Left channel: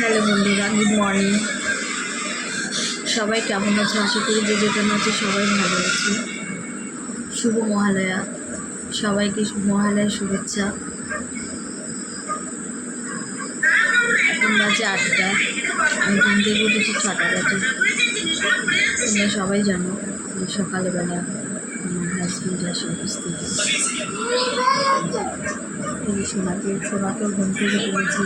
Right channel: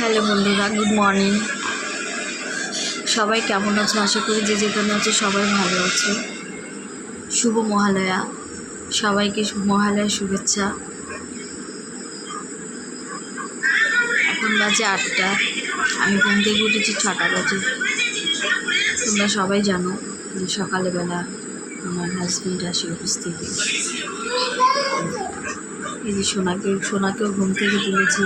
Hello বন্ধুরা, good morning. সবাই কেমন আছে? আশা করি যে যেখানে আছে সবাই ভালো আছে। শুভ মহালয়া, সবাইকে মহালয়া শুভেচ্ছা। এখন বাজে 8টা, আমি ঘুম থেকে উঠেছি 6টা বাজে। তোমরা সবাই জানো যে সকালবেলা আমার হাজব্যান্ড আসে অফিস থেকে। এই যে সোনাকেও ঘুম থেকে তুলেছি,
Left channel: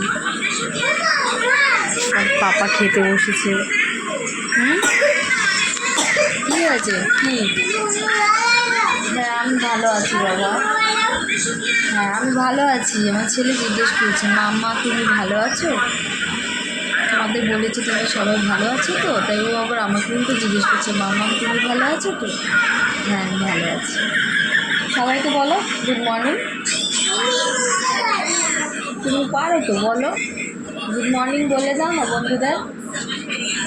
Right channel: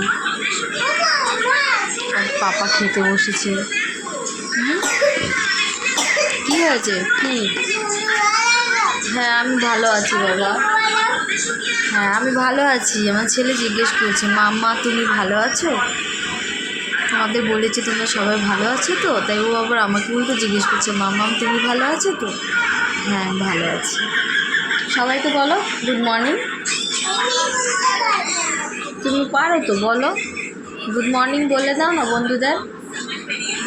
আর পাপা খেতে বসেছে। কি হয়েছে? কি? হ্যাঁ, আমি ভালো আছি বাবা। হ্যাঁ, আমি ভালো আছি। আমার ছেলে জিজ্ঞেস করছে, মাম্মা তুমি ভালো আছো? তোমাদের বলেছি তোমরা সবাই ভালো আছো তো, তাই ও আবার আমাকে উল্টো জিজ্ঞেস করছে, মাম্মা তুমি ভালো আছো তো? হ্যাঁ, ভালো আছি। সবাইকে বলো গুড মর্নিং। তুমি পারো তো, বলো গুড মর্নিং বলে দাও না বন্ধুদের।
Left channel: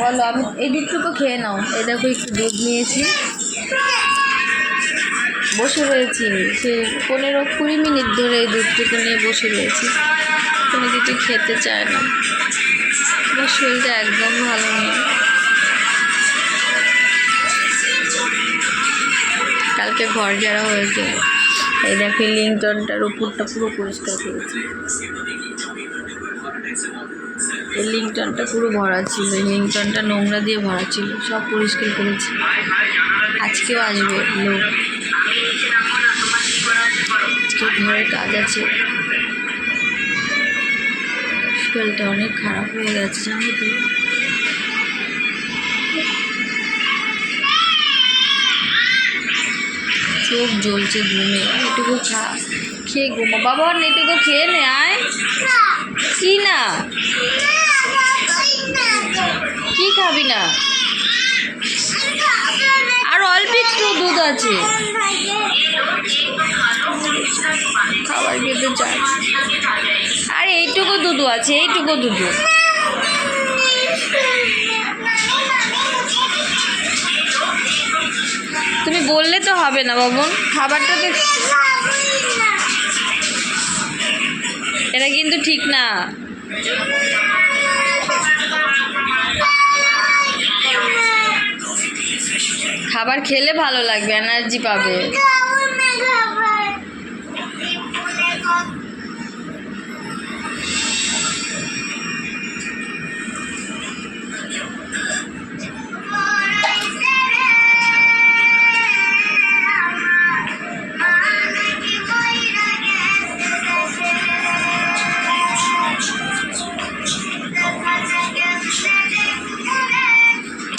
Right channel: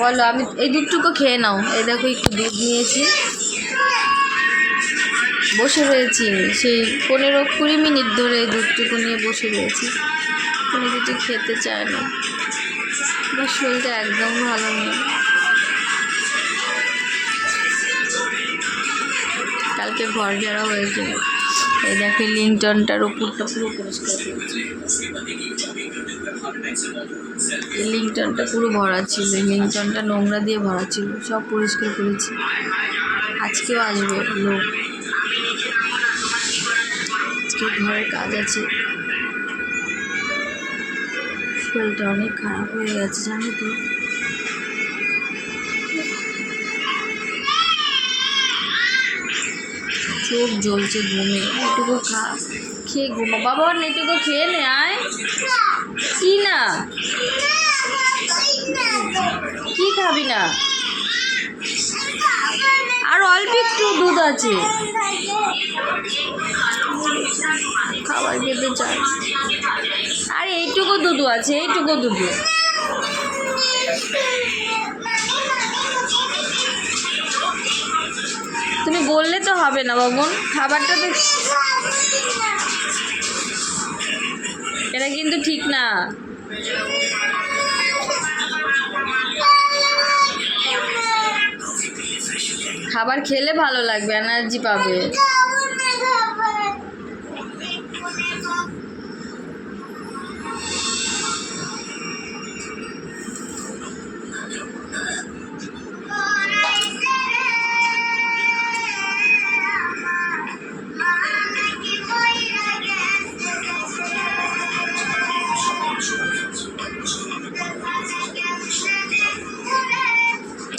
বলো, আমি এই দুধটুকু খেয়ে নাও। এই দেখো একটু দুধ নিয়েছি, বসে রয়েছি সেই 15-20 মিনিট ধরে এই দুধটুকু নিয়ে বসে রয়েছি। কোনো কিছু খেতে চায় না, আমার শরীরটা একদম ভালো নেই। কালকে ঘর ঝাড়া হয়েছে। এই দেখো লিংটনটার উপরটা পুরো পরিষ্কার করেছি। এই লিংটনটা পুরো ভরা ছিল, এই লিংটনটা নোংরা দিয়ে ভরা ছিল, সব পরিষ্কার করেছি। আজকেও আসবে লোক, আজকে ঘরে কাজ আছে। শরীরটা অনেক খারাপ হয়ে গেছে জানো তো। চোখ জ্বলছে ঘুমে। এটুকু খেয়ে ঘুমা বাবা, এটুকু খেয়ে নে। আয় কি না, কি খাবি না? আর অল্প একটু দুধ আছে, খাবার খেতে চাই। আর এইটুকু দুধ আছে, এইটুকু দুধ। তুমি বললে তো হবে না বাবুন, খাবারটা তো। এটা কিন্তু ঠিক না। খাবার খেলে ভালো লাগবে, এনার্জি পাবে।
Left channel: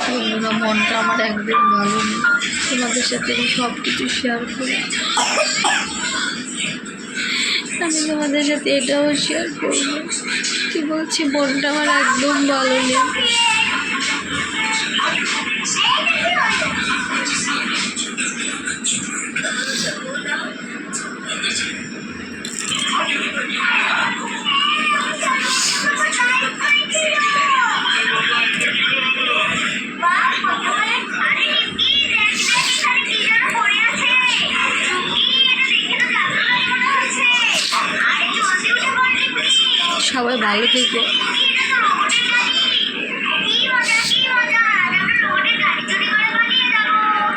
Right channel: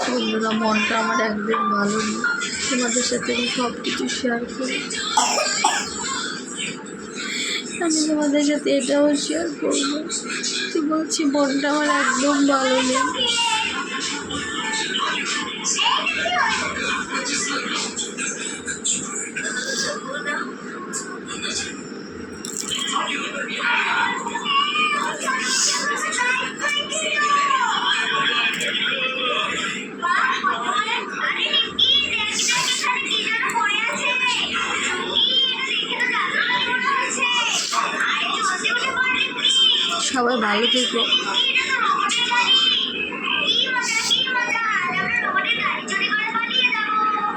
বন্ধুরা, মনটা আমার একদম ভালো নেই। তোমাদের সাথে আমি সব কিছু শেয়ার করি, আমি তোমাদের সাথে এটাও শেয়ার করবো। কি বলছি, মনটা আমার একদম ভালো নেই। সবাই ভালো থেকো।